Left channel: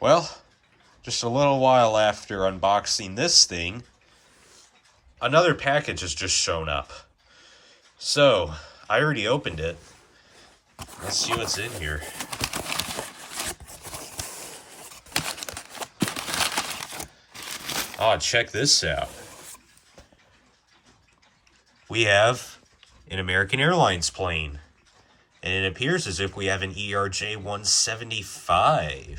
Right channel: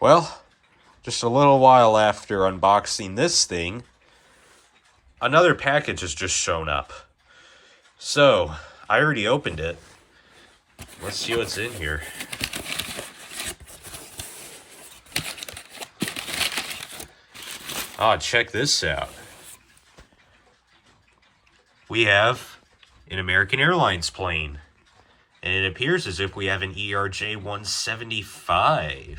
Well, just a little while after unboxing this thing, another package has just shown up. So, I already opened it. Let's see what's in here. Oh, check this out. We have an American Airlines plane. And it appears as if we have an ERJ-175.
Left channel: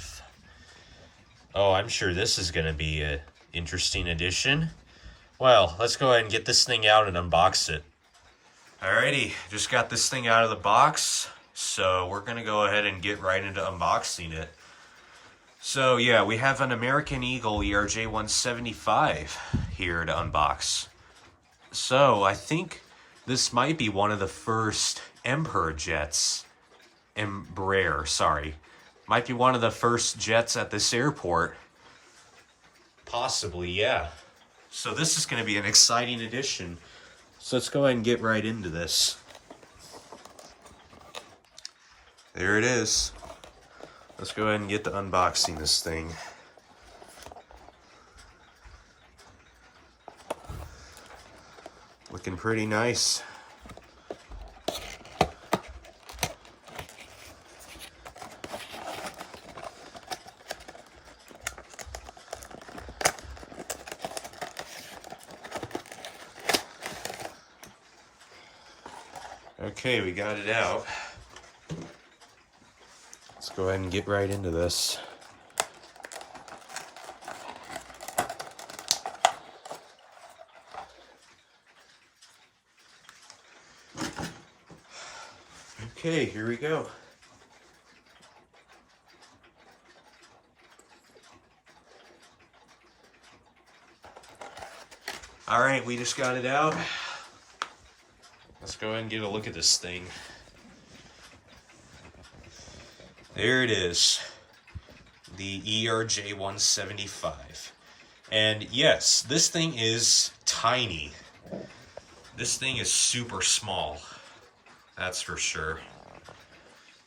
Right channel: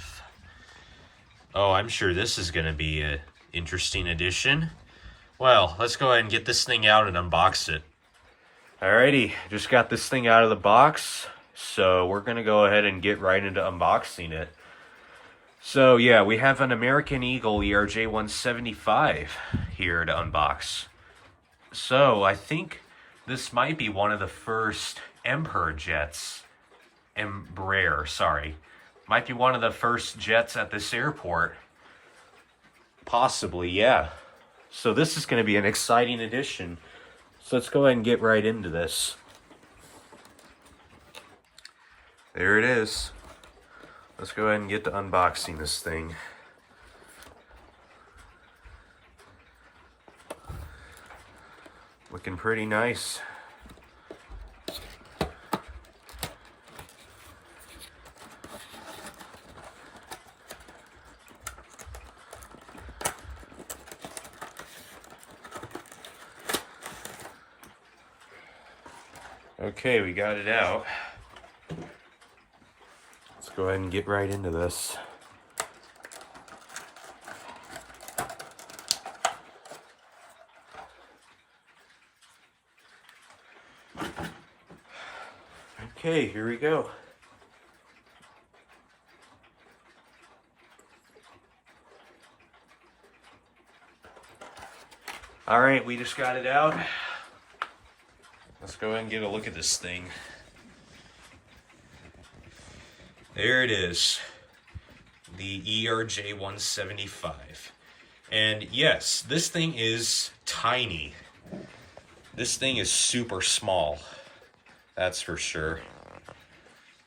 Oh, I'm sure this is going to be an interesting addition. Well, let's go ahead and get this thing out and unbox it. Alrighty, just got this thing out of the box. So we're going to go ahead and get right into unboxing it. So yeah, we have an American Eagle ERJ-175 here to unbox. So I think this might be one of the first Embraer jets. Embraer, sorry. Might be one of the first jets at this airport. Possibly, yeah. So this is going to be an exciting addition. So let's go ahead and get right into this. There it is. Let's go ahead and get to unboxing this thing. Looking pretty nice. Okay, we got it out. Let's go ahead and get right into this. Okay, here we go. All right, we just got it out. Let's go ahead and get a look at this thing. There it is, the ERJ-175. And yes, this thing is tiny. This thing is super small, that's for sure.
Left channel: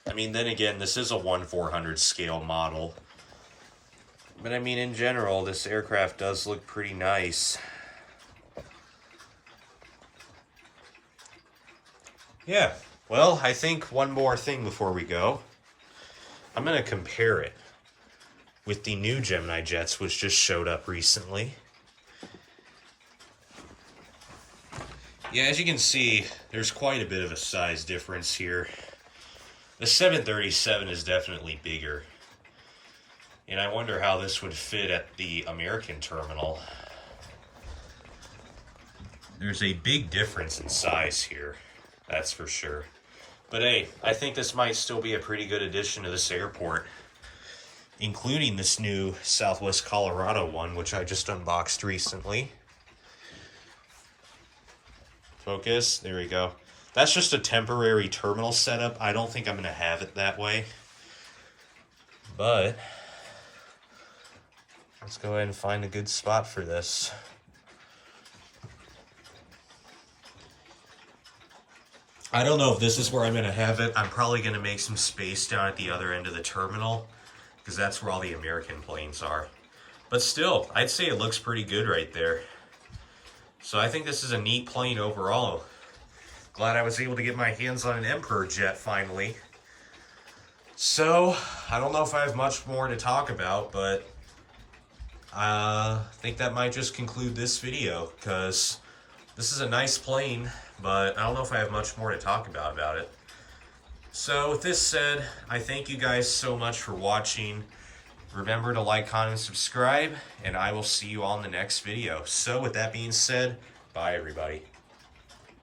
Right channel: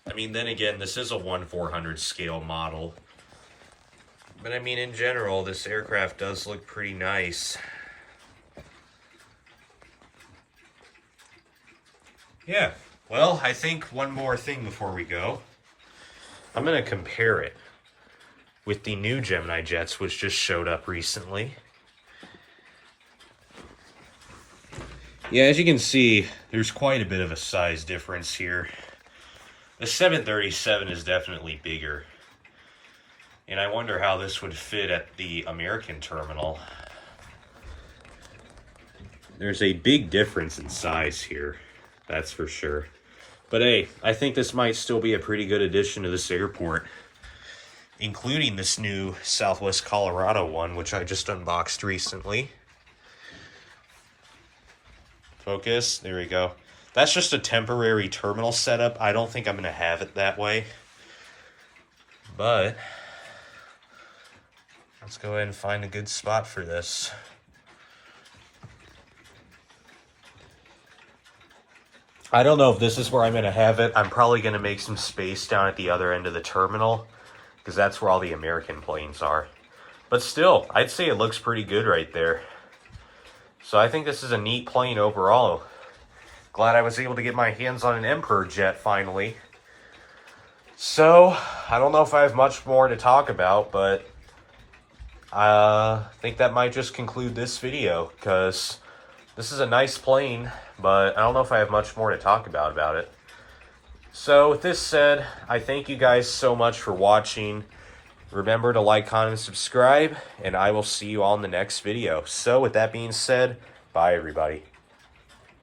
I mean, then again, this is a 1/400 scale model. But I mean, in general, this aircraft does look pretty nice. Yeah, well, I think one more thing before we go. I'm going to compare it with the new Gemini jets, which just showed up recently. Yeah, as you can see, there's quite a bit of a size difference here. The 737 is definitely bigger. And I wonder how this would fit at the American terminal. There's a big difference in size here. That's for sure. But hey, I think this might still be a pretty good addition to this airport, including this new Southwest Colorado one, which I just unboxed recently. Focus, there we go. That's just a temporary terminal setup. I don't think I'm going to have it that way. But let's go ahead and find a good spot for this. I don't know if this is where I'm going to have it. I'm probably going to make some space down at the other end of the terminal, because that's where all the American planes are. But still, I'd say it looks pretty good right there. So I think this is a neat plane overall. Glad I was able to get my hands on an Embraer jet finally. So, I don't know if I have much more to talk about, but I think that might just conclude this video, because this is a nice plane, but I don't know if I have much more to talk about it. So with this said, I thank you guys so much for watching. Remember to like, comment, and subscribe, and I will see you all in the next video. So with that being said, bye everybody.